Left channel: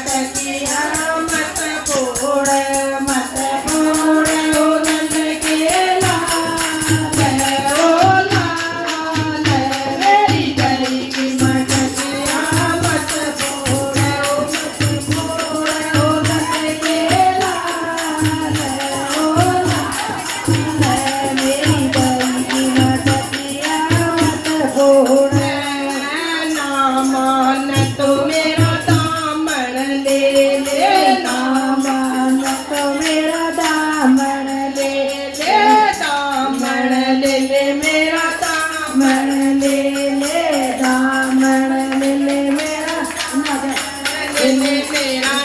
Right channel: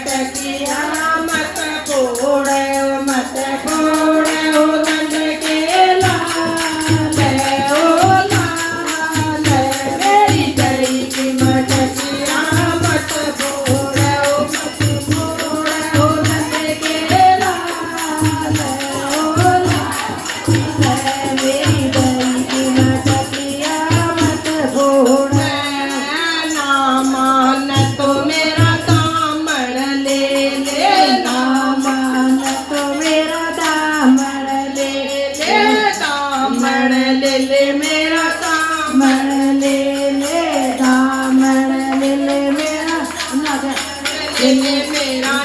मटकिया मत फोड़े मत फोड़े ओ रंग के लाल ओ लाल मेरी गरी की मटकिया मत फोड़े ओ मत फोड़े ओ रंग के लाल ओ लाल मेरी गरी की मटकिया मत फोड़े ना मान तो मेरा दामन ले ले ना मान तो मेरा दामन ले ले दामन ले ले मेरा दामन ले ले दामन ले ले मेरा ले ले मेरा